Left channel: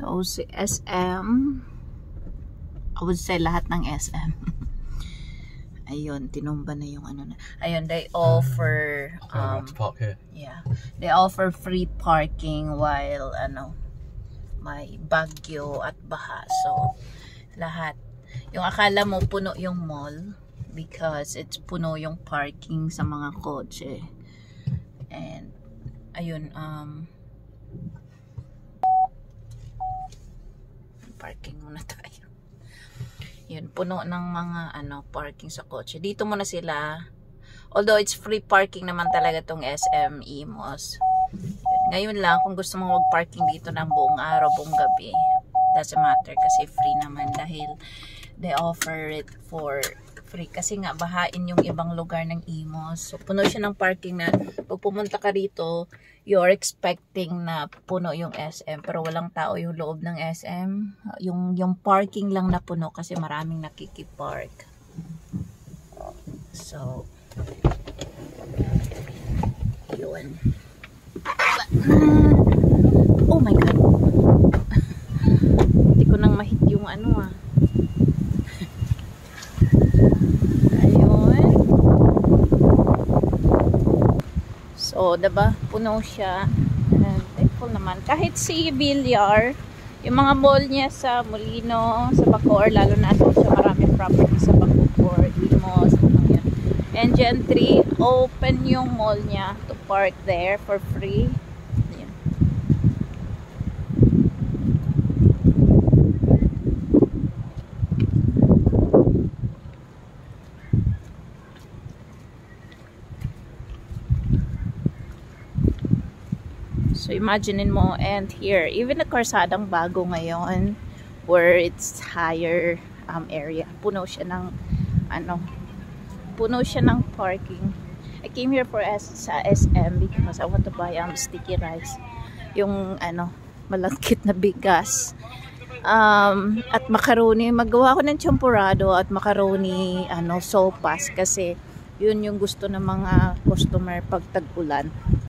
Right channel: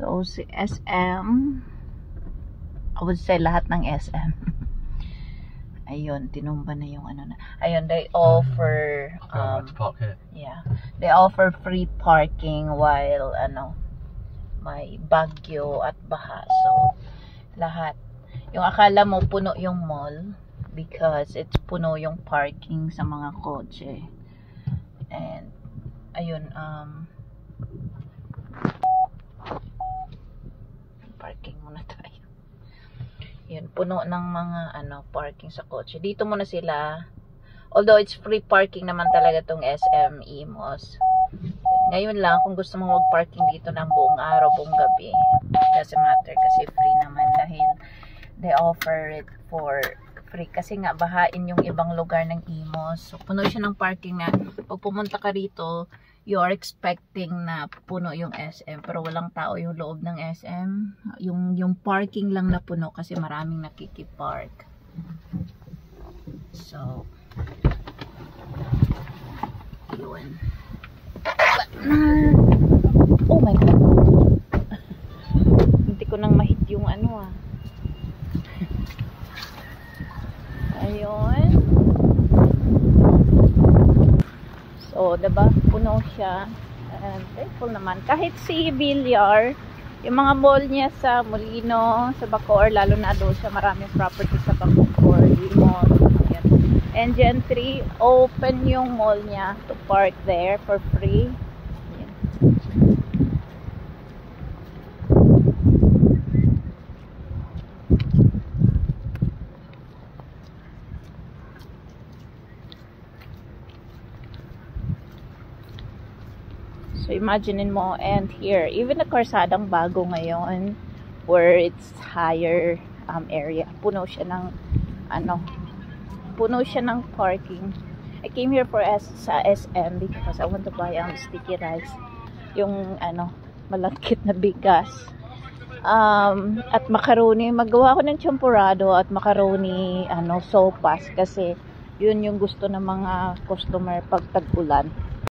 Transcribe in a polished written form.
So, si SM, I would say lahat ng SM. Ayun, tinumba na yung ano na. Ayun, they offer, to park here. yeah, they offer free parking while, may bagyo at baha. So, lahat. Yung akala mo puno yung mall because it's puno yung parking sa mga kotse. And, ayun, parking muna tayo. Yun, puno ng mga parking sa kotse. Dito muna sila. Although it's free parking naman talaga tong SM Imos. Ngayon lang, kung gusto mong mag-parking dito ng buong araw, buong gabi, doesn't matter kasi free naman dahil they offer it for free. Kasi nga, bahain yung ibang lugar ng Imos. So, puno siya ng parking na pag pumunta ka rito, you're expecting na puno yung SM pero walang tao yung loob ng SM. Yung parking lang na puno kasi maraming nakikipark. So, yun. Oh my God. Hindi ko nang mahit yung Ayun. So, diba? Puno siya. Thankful naman. Kahit si Villar, yung mga mall niya sa Molino, sa Bacoor, lalo na doon siya maraming property sa Bacoor, Limos, yan. And Gentry, open yung mall niya to park there for free. Yan. So imagine mo, and here, even the karsadang bago ngayon, where it's higher area, puno siya ng puno siya ng parking. I came here for sa SM because I want to buy sticky rice, yung malagkit na bigas, at macaroni. Magawa ko ng champurrado at macaroni sopas kasi yun yung gusto ng mga customer pag tag-ulan.